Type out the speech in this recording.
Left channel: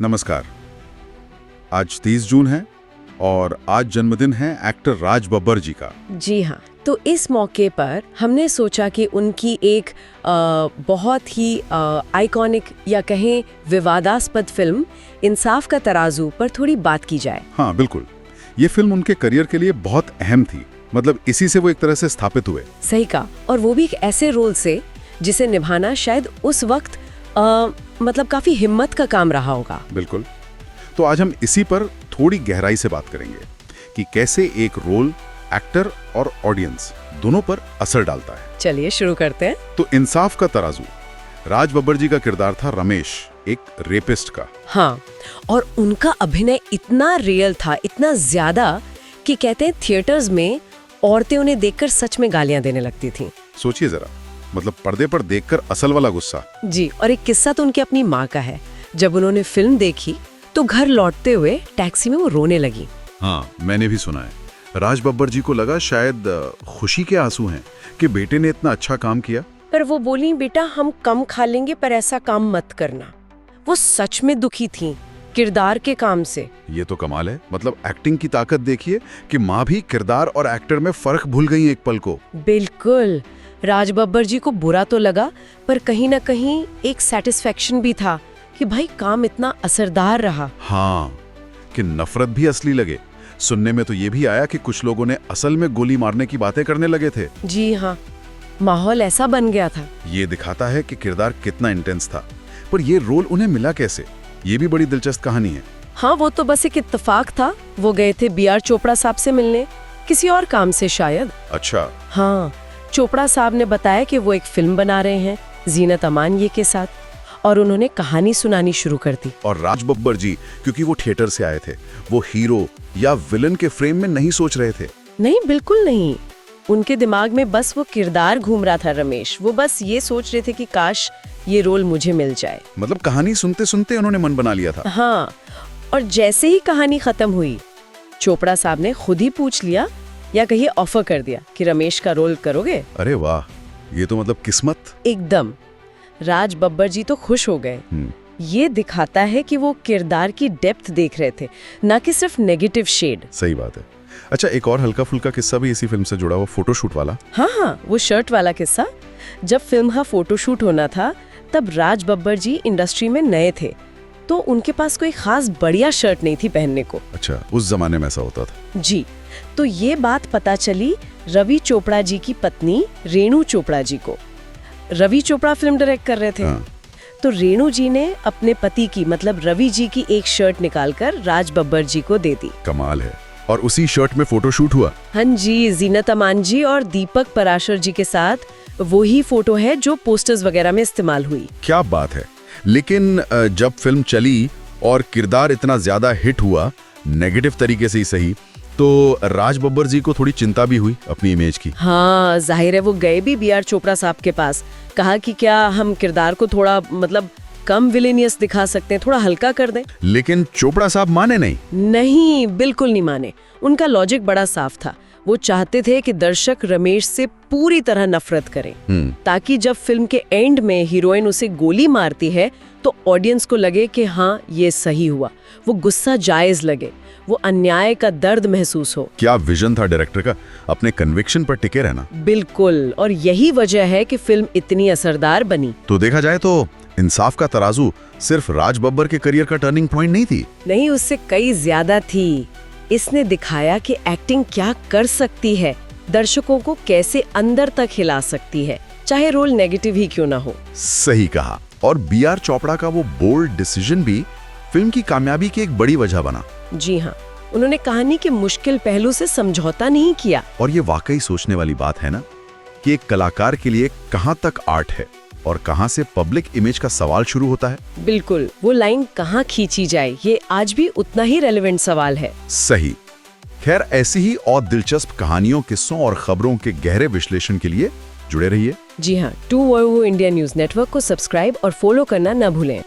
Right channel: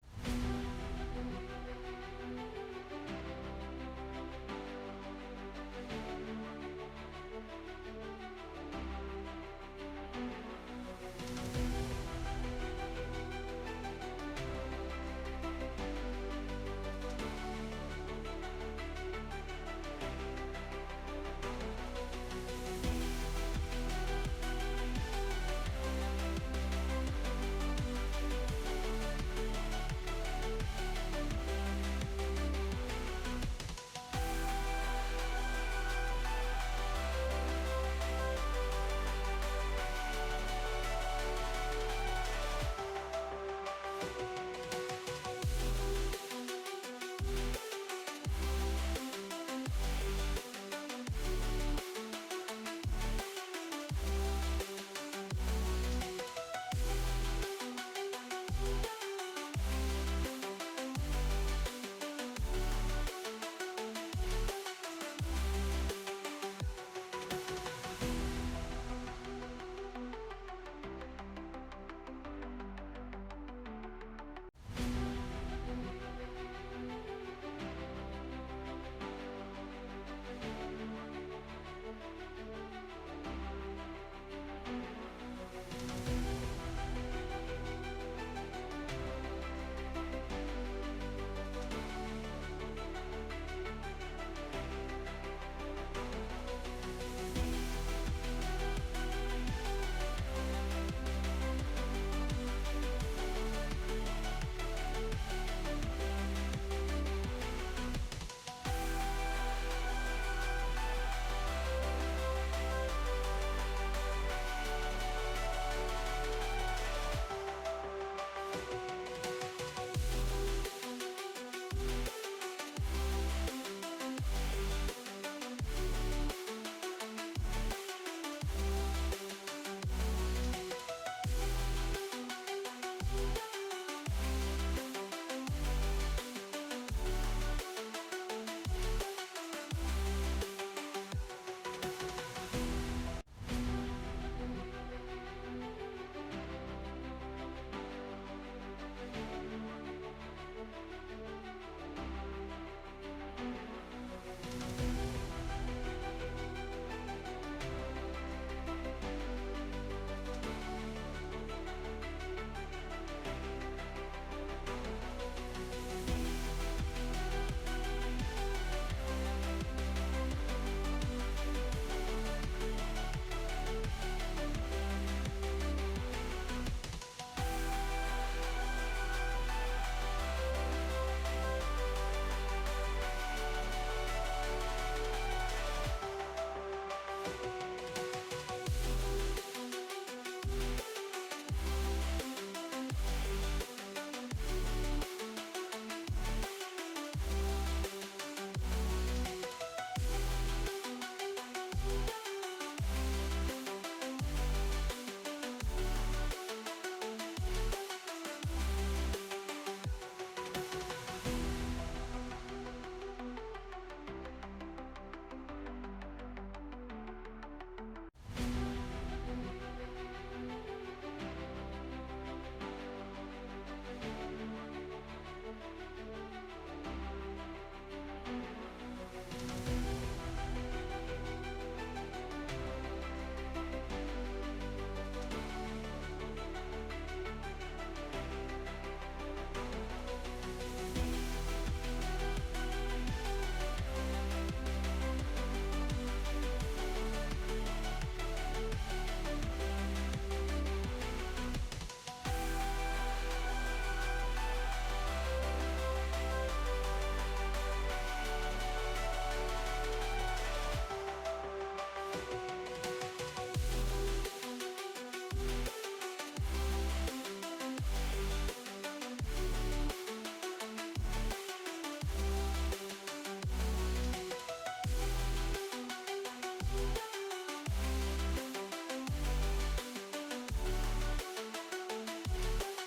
नमस्कार। आज 30 जून है और आज जन्मदिन है एक्टर राज बब्बर जी का। जी हाँ, तो इस मौके पर हमने सोचा कि उनकी एक बहुत ही आइकॉनिक या कहें विवादास्पद फिल्म इंसाफ का तराजू पर थोड़ी बात की जाए। हाँ बिल्कुल, ये फिल्म उनके करियर के लिए बहुत अहम थी। मतलब इसी से वो एक तरह से स्थापित हुए। सही कहा, और वो भी एक ऐसे रोल से जिसे निभाना शायद उस वक्त मतलब काफी हिम्मत का काम रहा होगा। बिल्कुल। तो आज हम इसी पर थोड़ी गहराई से बात करेंगे कि कैसे एक रोल एक्टर और ऑडियंस दोनों पर असर डालता है। चलिए शुरू करते हैं। तो इंसाफ का तराजू, राज बब्बर जी का किरदार था रमेश, एक रेपिस्ट का। हाँ, और उनका अभिनय इतना रियल था, इतना ज्यादा कि कहते हैं थिएटर्स में औरतें उन्हें देखकर सच में गालियां देने लगती थीं। सोचिए जरा, मतलब पर्दे पर देखकर असल वाला गुस्सा। जी, और एक किस्सा तो उनकी अपनी माँ का है। जब उन्होंने फिल्म देखी तो घर लौटते हुए टैक्सी में वो रोने लगी। हाँ, मैंने भी सुना है। राज बब्बर जी को लगा शायद खुशी के आंसू हैं कि बेटे ने इतना अच्छा काम किया। पर वो बोली, बेटा हम कम खा लेंगे पर ऐसा काम मत करना। वो सच में दुखी थीं किरदार के काम से। ये तो कमाल है। मतलब एक्टिंग की ताकत देखिए कि माँ भी किरदार और एक्टर में फर्क भूल गई एक पल को। बिल्कुल। राज बब्बर जी को बुरा तो लगा, पर कहीं ना कहीं एक सेटिस्फेक्शन भी था कि भाई काम इतना असरदार रहा। हाँ, कि नफरत भी असली लगे। सुनने में तो ये भी आया कि कुछ लोगों ने असल में गोली मारने की बातें करने लगे थे। जी हाँ, माहौल ऐसा बन गया था। ये दिखाता है कि किरदार कितना इंटेंस था। पर ये रोल उन्हें मिला कैसे, ये भी बड़ी दिलचस्प कहानी है। हाँ, वो तो बस एक इत्तेफाक था। वो गए थे B.R. चोपड़ा साहब से मिलने, किसी और काम से शायद। अच्छा। हाँ, चोपड़ा साहब ने बताया कि वो एक फिल्म बना रहे हैं जीनत अमान ये के साथ, और उन्होंने कहानी सुनानी शुरू कर दी। और राज बब्बर जी, क्योंकि वो थिएटर से आए थे, वो हीरो या विलन के फ्रेम में नहीं सोच रहे थे। नहीं, बिल्कुल नहीं। उनके दिमाग में बस वो किरदार घूम रहा था रमेश। वो बस ये सोच रहे थे कि काश ये रोल मुझे मिल जाए। मतलब कहानी सुनते सुनते उन्होंने मन बना लिया था। हाँ, और जैसे ही कहानी खत्म हुई, चोपड़ा साहब ने खुद ही पूछ लिया या कहिए ऑफर कर दिया कि रमेश का रोल करोगे। अरे वाह, ये तो मतलब किस्मत। एकदम। राज बब्बर जी तो खुश हो गए। ये दिखाता है कि वो किरदार की डेप्थ देख रहे थे, ना कि सिर्फ नेगेटिव शेड। सही बात है। अच्छा, एक और हल्का फुल्का किस्सा भी इसी फिल्म से जुड़ा हुआ, फोटोशूट वाला। हाँ, वो शर्ट वाला किस्सा। जब फिल्म का फोटोशूट होना था तब राज बब्बर जी इंडस्ट्री में नए थे, तो उनके पास कोई खास बढ़िया शर्ट नहीं थी पहनने को। अच्छा, उस जमाने में ऐसा होता था। जी, तो ये बात पता चली रवि चोपड़ा जी की पत्नी रेणु चोपड़ा जी को। रवि चोपड़ा फिल्म डायरेक्ट कर रहे थे। हाँ। तो रेणु जी ने अपने पति की मतलब रवि जी की एक शर्ट निकालकर राज बब्बर जी को दे दी। कमाल है। और उसी शर्ट में फोटोशूट हुआ। हाँ जी, जीनत अमान जी और दीपक पराशर जी के साथ वही फोटो है जो पोस्टर्स वगैरह में इस्तेमाल हुई। क्या बात है। लेकिन जब फिल्म चली और किरदार इतना ज्यादा हिट हुआ, नेगेटिव तरीके से ही सही, तो राज बब्बर जी को थोड़ी चिंता भी हुई अपनी इमेज की। हाँ, जाहिर है वो गए भी B.R. चोपड़ा साहब के पास, कहा कि क्या हम किरदार को थोड़ा मतलब कम विलेनियस दिखा सकते हैं, थोड़ा हल्का कर दें। लेकिन चोपड़ा साहब माने नहीं। नहीं, बिल्कुल नहीं माने। उनका लॉजिक बड़ा साफ था। वो चाहते थे कि दर्शक रमेश से पूरी तरह नफरत करें, ताकि जब फिल्म के एंड में हीरोइन उसे गोली मारती है तो ऑडियंस को लगे कि हाँ ये सही हुआ, वो गुस्सा जायज लगे, वो अन्याय का दर्द महसूस हो। क्या विजन था डायरेक्टर का, अपने कन्विक्शन पर टिके रहना। बिल्कुल, और यही वजह है कि फिल्म इतनी असरदार बनी। तो देखा जाए तो इंसाफ का तराजू सिर्फ राज बब्बर के करियर का टर्निंग पॉइंट नहीं थी। नहीं, उससे कई ज्यादा थी। इसने दिखाया कि एक्टिंग क्या कर सकती है, दर्शकों को कैसे अंदर तक हिला सकती है, चाहे रोल नेगेटिव ही क्यों ना हो। सही कहा। और B.R. चोपड़ा का वो बोल्ड डिसीजन भी फिल्म की कामयाबी की एक बड़ी वजह बना। जी हाँ, उन्होंने कहानी के मुश्किल पहलू से समझौता नहीं किया। और ये वाकई सोचने वाली बात है ना, कि एक कलाकार के लिए कहां तक आर्ट है और कहां से पब्लिक इमेज का सवाल शुरू होता है। बिल्कुल, वो लाइन कहाँ खींची जाए, ये आज भी उतना ही रेलेवेंट सवाल है। सही। खैर, ऐसी ही और दिलचस्प कहानियों, किस्सों और खबरों के गहरे विश्लेषण के लिए जुड़े रहिए। जी हाँ, 2 इंडिया न्यूज नेटवर्क को सब्सक्राइब और फॉलो करना न भूलें।